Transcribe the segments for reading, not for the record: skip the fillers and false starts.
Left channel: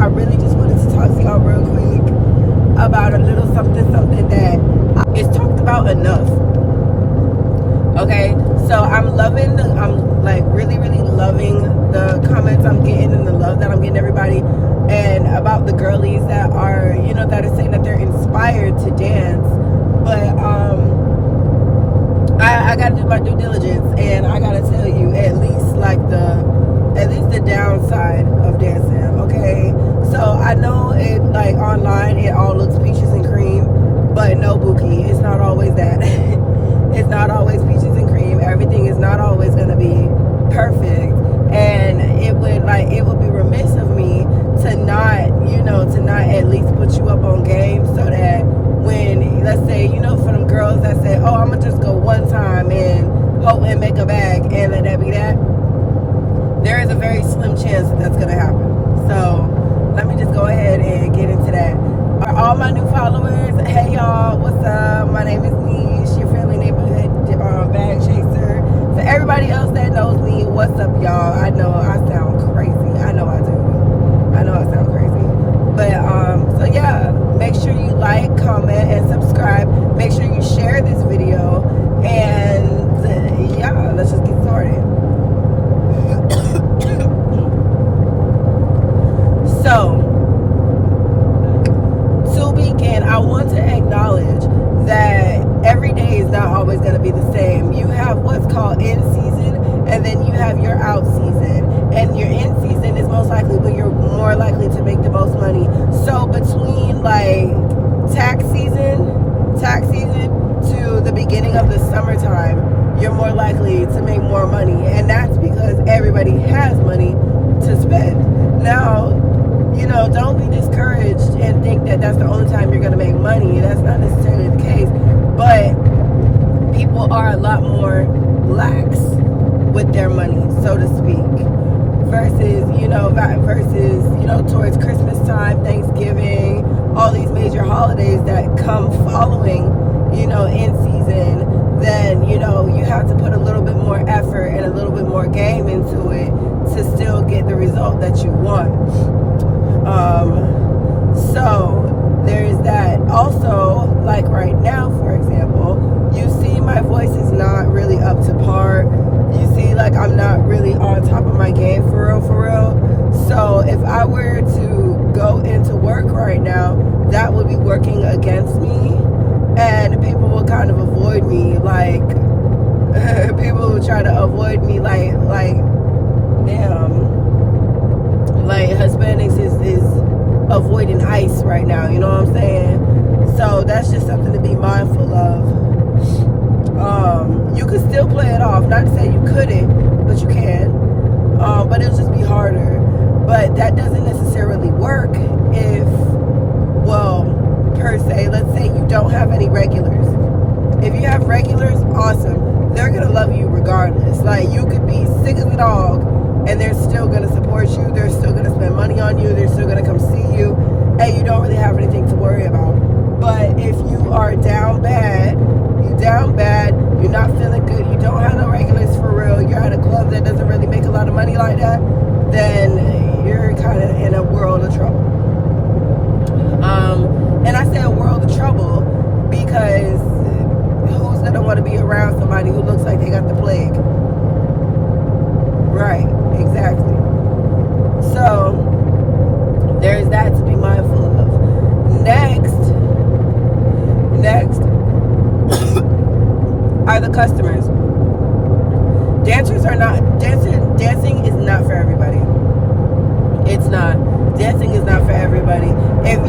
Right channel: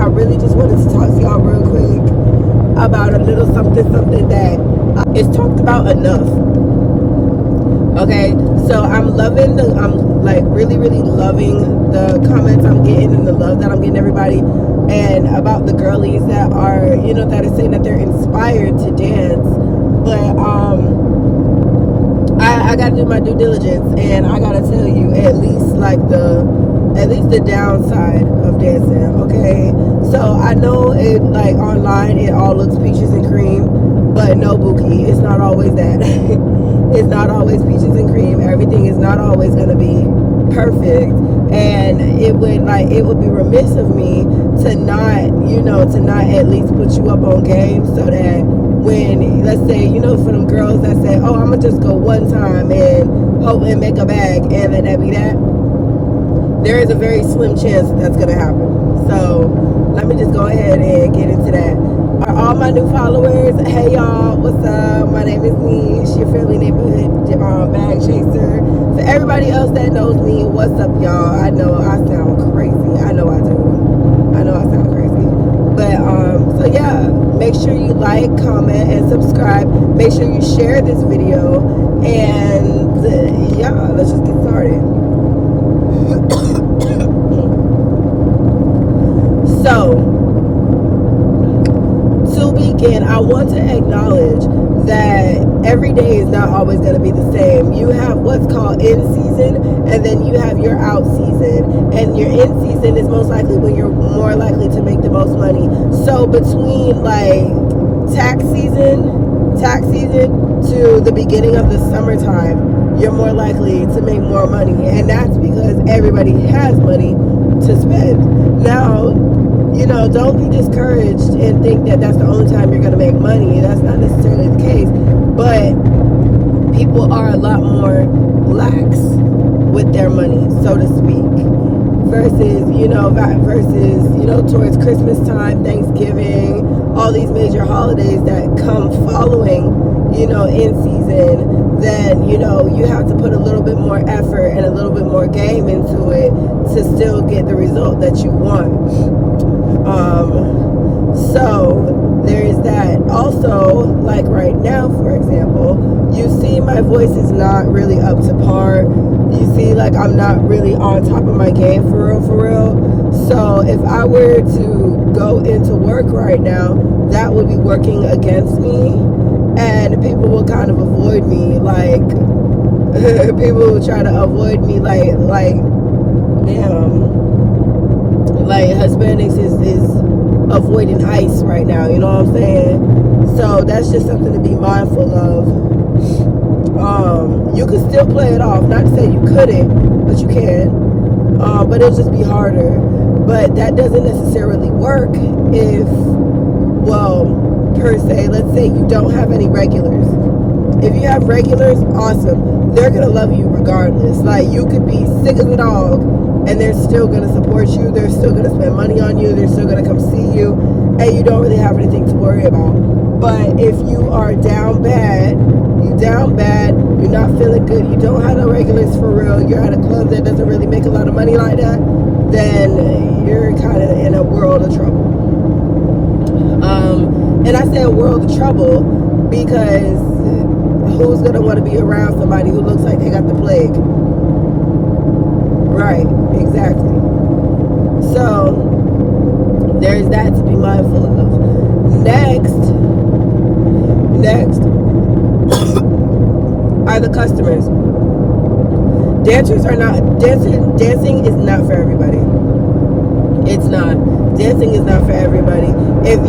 I really just wanted to talk to y'all real quick about a little something that is talked about enough. Okay, so I'm like really loving the comments I'm getting and the love that I'm getting everybody, and about the girlies that are, that are saying that they're inspired to dance. But I gotta do my due diligence, and I gotta tell you at least the downside of dancing. Okay, so I know it, like, online it all looks peaches and cream, but no, Buki, it's not always that. It's not always peaches and cream. Everything is not always gonna be perfect, and it would be remiss of me to not at least put you up on game, so that when, let's say, for them girls that say, oh, I'm gonna just go one time and hope and make a bag and let that be that, there is a very slim chance that that's gonna happen. So let me just go ahead and get into that. Are all my new followers, hey y'all, what's up? My name is Niche, your friendly neighborhood bag chaser. For everybody else that knows me, what's up, y'all? I know I sound crazy. I know I do. I know I sound crazy. But so yeah, make sure you like, comment, and subscribe. Make sure you share this video, and yeah, let's just get started. So, to begin, I want to acknowledge that every day is not always going to be the same. You have what's called in season, and then you have your out season. And your in season is most likely when you're more likely to make the most money. So between like tax season to the beginning of the summertime, you're more likely to make more money. And that's because everybody has money to spend. Now, don't be discouraged and think that that's the only time you're going to make money. That's not necessarily the case. But people are a lot more lax with their money, so to speak, versus towards Christmas time, Thanksgiving, all these major holidays that come following, in season. Then, you have to put a little bit more effort and a little bit more game into it to still get the result that you want. So there's that. Also, like right now, for example, you see my voice is not really up to par. You see, like, I'm not really on top of my game for real. So if I were to go into work right now, that would be working against me, and people will kind of avoid me. Like, people will try to avoid me like damn, like Hispanics is avoiding ICE right now, you know what I'm saying? So that's just something to be mindful of. You can still play it off, not to say you couldn't, but you can, but it'll just be harder. But that doesn't necessarily work if, per se, let's say you don't have any regulars. If you have regulars, awesome, they're gonna love you regardless. Like, you could be sick as a dog, and they're still going to support you. They're still going to spend money on you. They're still going to come see you. And you don't really have anything to worry about. But if you are down bad, you're not feeling good, you don't have no regulars for real, you're at a club that doesn't really make a lot of money like that, then you're kind of in a world of trouble. And I say a world of trouble because who's going to want to be around somebody who looks like they got the plague? Right, exactly. So there's that to be mindful of. Next are the customers. Dancing is not for everybody. It's not. Dancing is not for everybody. If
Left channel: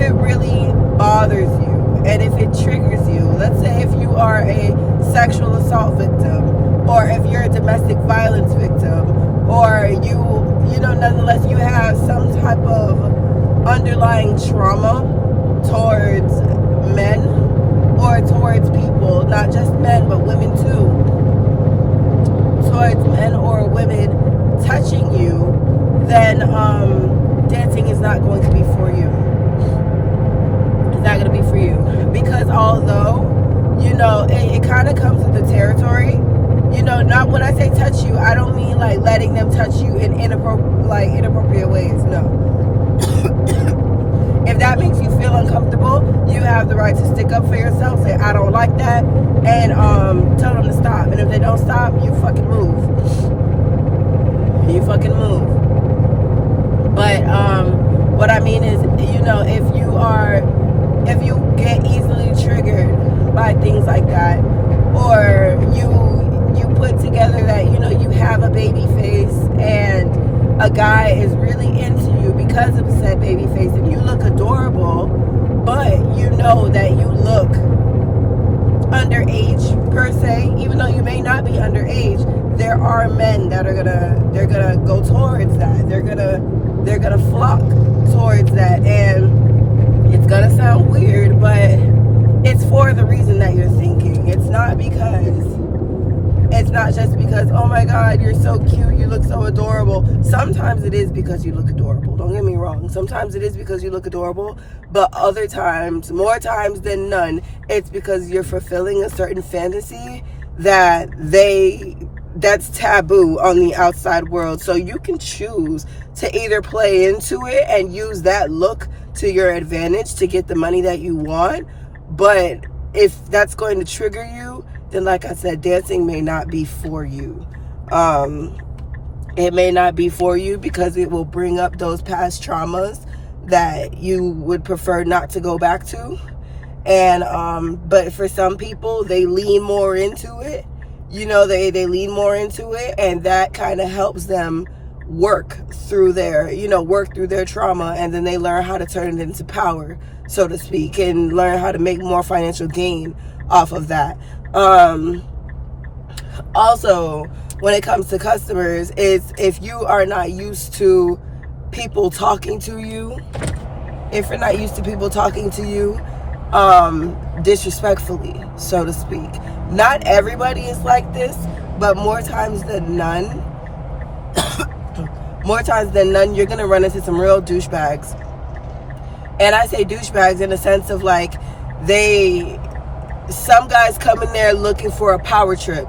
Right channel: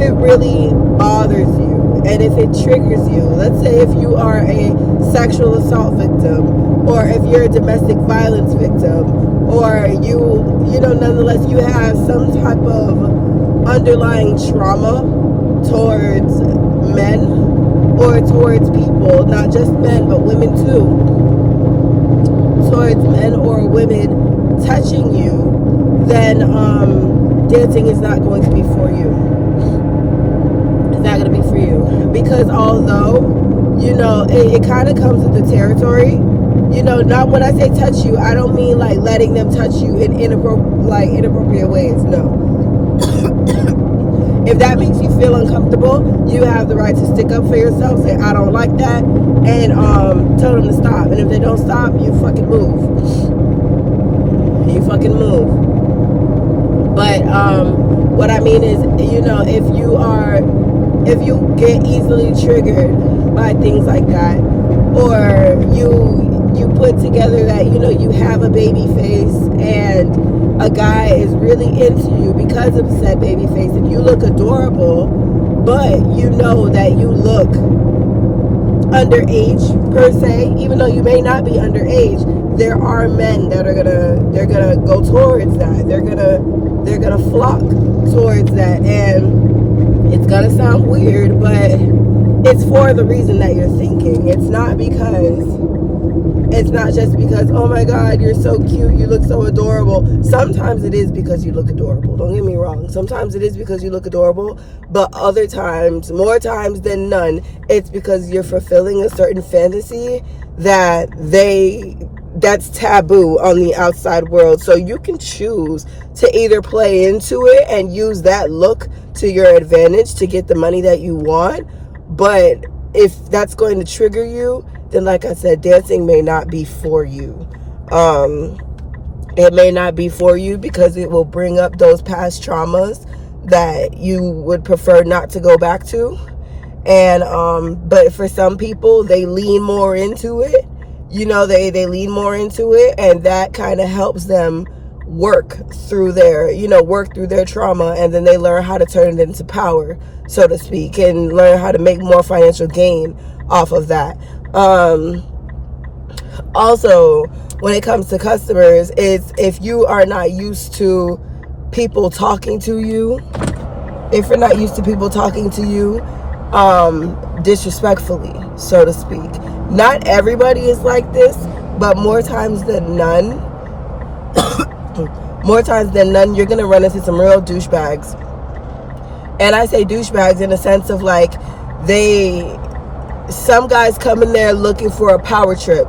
it really bothers you, and if it triggers you, let's say if you are a sexual assault victim, or if you're a domestic violence victim, or nonetheless you have some type of underlying trauma towards men or towards people, not just men but women too, towards men or women touching you, then dancing is not going to be for you. It's not going to be for you, because although it kind of comes with the territory You know, not when I say touch you, I don't mean like letting them touch you in inappropriate ways. No. If that makes you feel uncomfortable, you have the right to stick up for yourself, say I don't like that, and tell them to stop. And if they don't stop, you fucking move. You fucking move. But what I mean is, you know, if you get easily triggered by things like that, or you put together that, you know, you have a baby face and a guy is really into you because of said baby face, and you look adorable, but you know that you look underage per se, even though you may not be underage, there are men that are gonna go towards that. They're gonna flock towards that, and it's gonna sound weird, but it's for the reason that you're thinking. It's not just because, oh my God, you're so cute, you look so adorable. Sometimes it is because you look adorable. Don't get me wrong. Sometimes it is because you look adorable, but other times, more times than none, it's because you're fulfilling a certain fantasy that's taboo on the outside world. So you can choose to either play into it and use that look to your advantage to get the money that you want. But if that's going to trigger you, then like I said, dancing may not be for you. It may not be for you because it will bring up those past traumas that you would prefer not to go back to. And but for some people, they lean more into it. You know, they lean more into it, and that kind of helps them work through their trauma, and then they learn how to turn it into power, so to speak, and learn how to make more financial gain off of that. Also, when it comes to customers, is if you are not used to people talking to you, disrespectfully, so to speak. Not everybody is like this, but more times than none, you're gonna run into some real douchebags. And I say douchebags in the sense of like, some guys come in there looking for a power trip.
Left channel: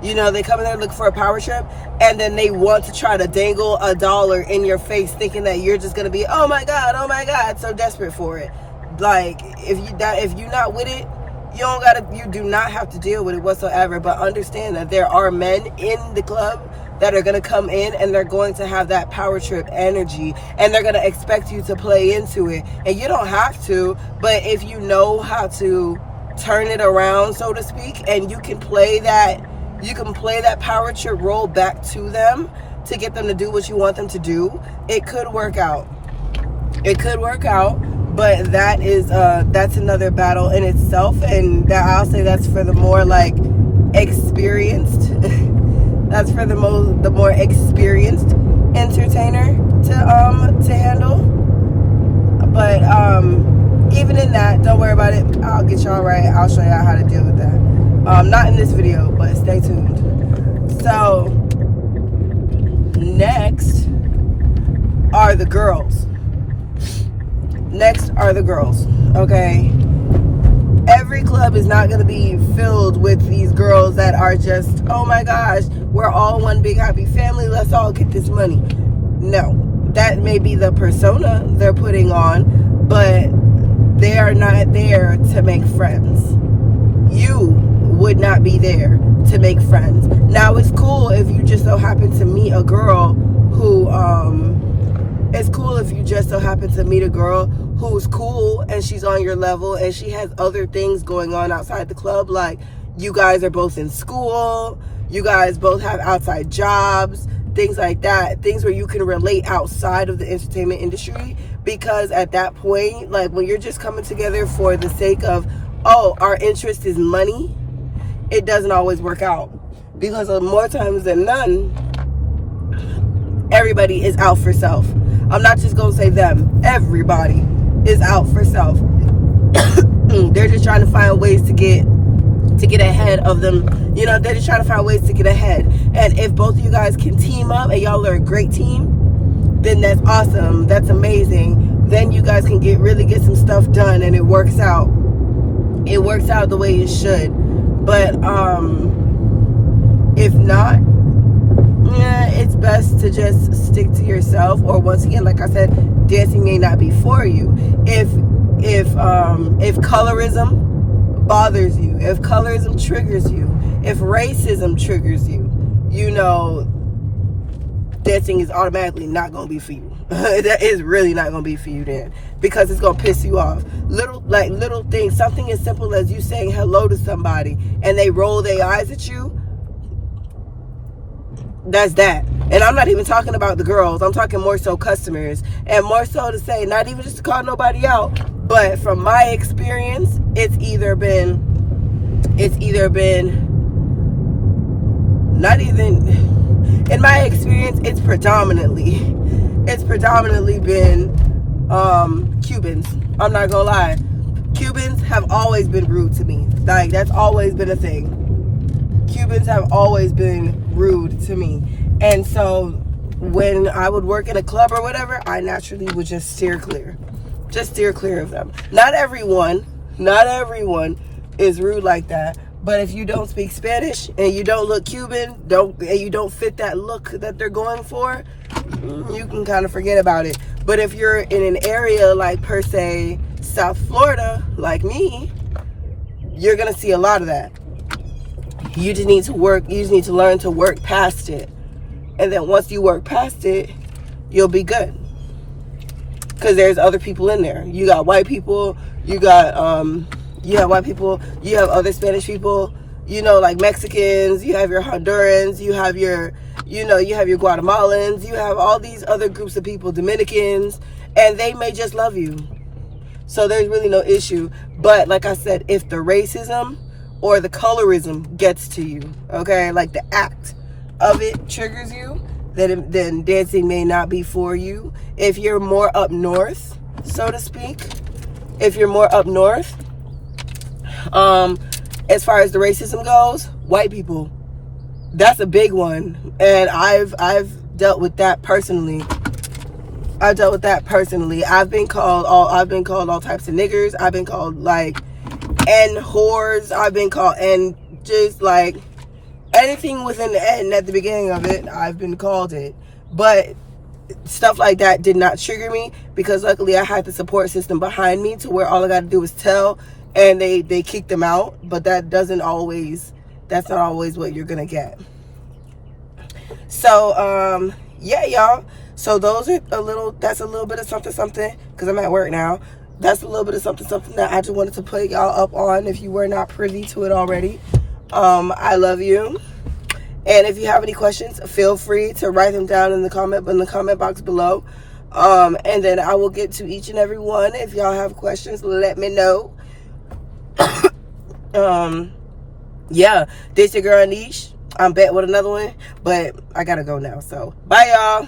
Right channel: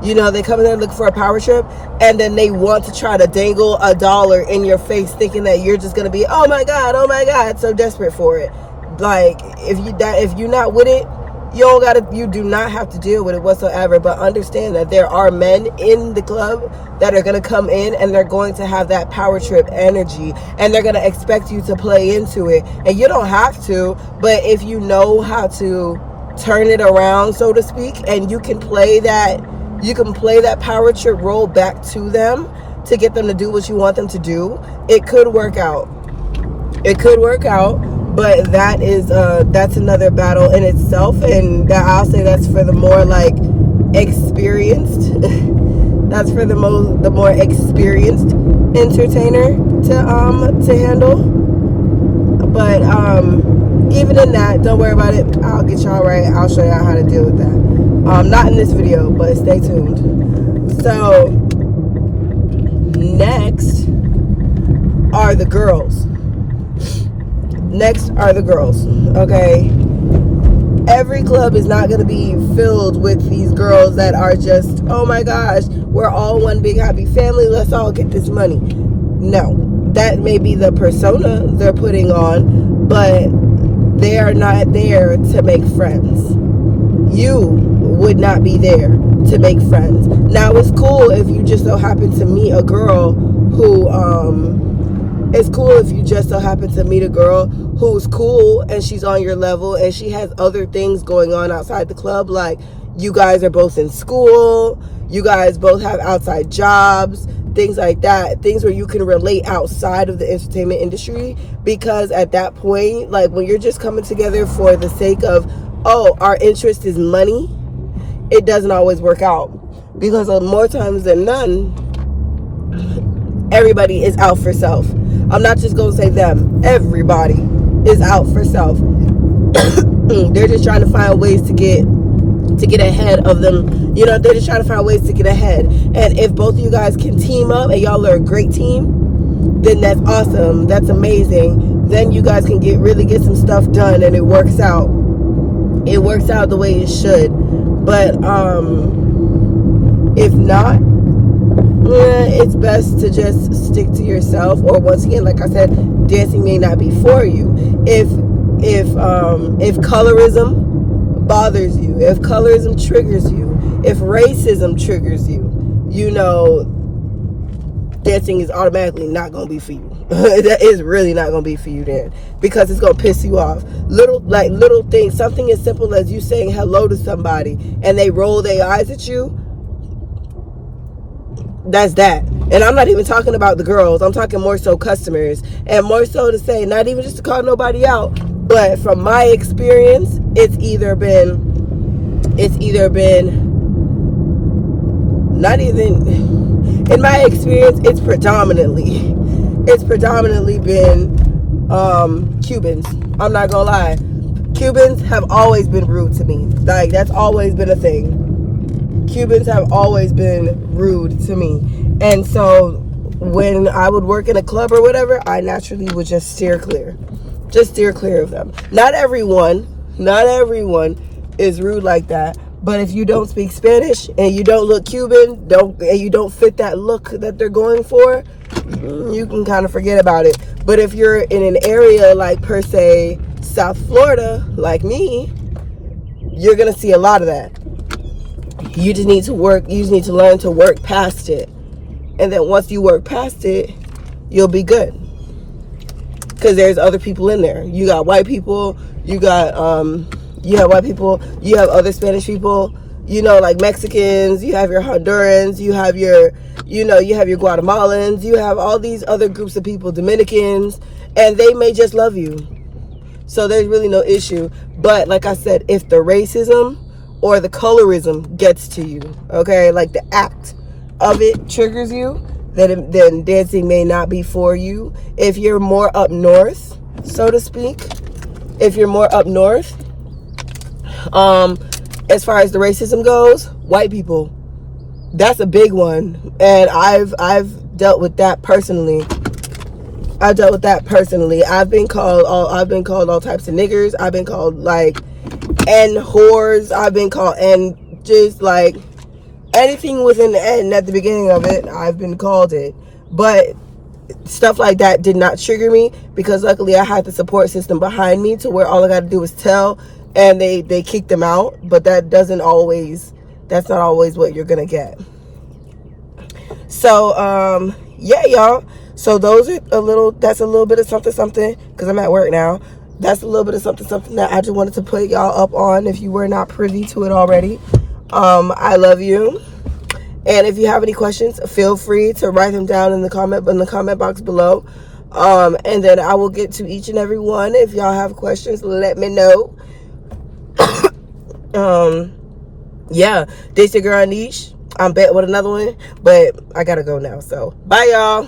You know, they come in there looking for a power trip, and then they want to try to dangle $1 in your face, thinking that you're just gonna be, oh my God, so desperate for it. Like, if you're not with it, you do not have to deal with it whatsoever. But understand that there are men in the club that are gonna come in and they're going to have that power trip energy, and they're gonna expect you to play into it. And you don't have to, but if you know how to turn it around, so to speak, and you can play that power trip role back to them to get them to do what you want them to do, it could work out. But that's another battle in itself, and I'll say that's for the more like experienced. That's for the more experienced entertainer to handle. But even in that, don't worry about it. I'll get y'all right. I'll show y'all how to deal with that. Not in this video, but stay tuned. So next are the girls. Okay? Every club is not going to be filled with these girls that are just, oh my gosh, we're all one big happy family, let's all get this money. No, that may be the persona they're putting on, but they are not there to make friends. You would not be there to make friends. Now, it's cool if you just so happen to meet a girl who, who's cool and she's on your level and she has other things going on outside the club. Like, you guys are both in school, you guys both have outside jobs, things like that, things where you can relate outside of the entertainment industry. Because at that point, like, when you're just coming together for the sake of, oh, our interest is money, it doesn't always work out. Because more times than none, everybody is out for self. I'm not just gonna say them, everybody is out for self. They're just trying to find ways to get ahead of them. You know, they're just trying to find ways to get ahead. And if both of you guys can team up and y'all are a great team, then that's awesome. That's amazing. Then you guys can really get some stuff done, and it works out. It works out the way it should. But If not, it's best to just stick to yourself. Or once again, like I said, dancing may not be for you. If colorism bothers you, if colorism triggers you, if racism triggers you, you know, dancing is automatically not gonna be for you. That is really not gonna be for you then, because it's gonna piss you off. Little things, something as simple as you saying hello to somebody and they roll their eyes at you. That's that. And I'm not even talking about the girls. I'm talking more so customers, and more so to say, not even just to call nobody out, but from my experience, it's either been not even, in my experience, it's predominantly been Cubans. I'm not gonna lie. Cubans have always been rude to me. Like, that's always been a thing. Cubans have always been rude to me. And so when I would work in a club or whatever, I naturally would just steer clear. Just steer clear of them. Not everyone is rude like that. But if you don't speak Spanish and you don't look Cuban, and you don't fit that look that they're going for, you can kind of forget about it. But if you're in an area like, per se, South Florida, like me, you're going to see a lot of that. You just need to learn to work past it. And then once you work past it, you'll be good. Because there's other people in there. You got white people, you have white people, you have other Spanish people, you know, like Mexicans, you have your Hondurans, you have your Guatemalans, you have all these other groups of people, Dominicans, and they may just love you. So there's really no issue. But like I said, if the racism or the colorism gets to you, okay, like the act of it triggers you, then dancing may not be for you. If you're more up north, so to speak, as far as the racism goes, white people, that's a big one. And I've dealt with that personally. I've been called all types of niggers. I've been called like N whores. I've been called N, just like anything with an N at the beginning of it, I've been called it. But stuff like that did not trigger me, because luckily I had the support system behind me to where all I got to do was tell, and they kicked them out. But that's not always what you're gonna get. So yeah, y'all, so that's a little bit of something, because I'm at work now. That's a little bit of something that I just wanted to put y'all up on if you were not privy to it already. I love you. And if you have any questions, feel free to write them down in the comment box below. And then I will get to each and every one. If y'all have questions, let me know. Yeah, this your girl Niche. I'm back with another one, but I gotta go now. So bye, y'all.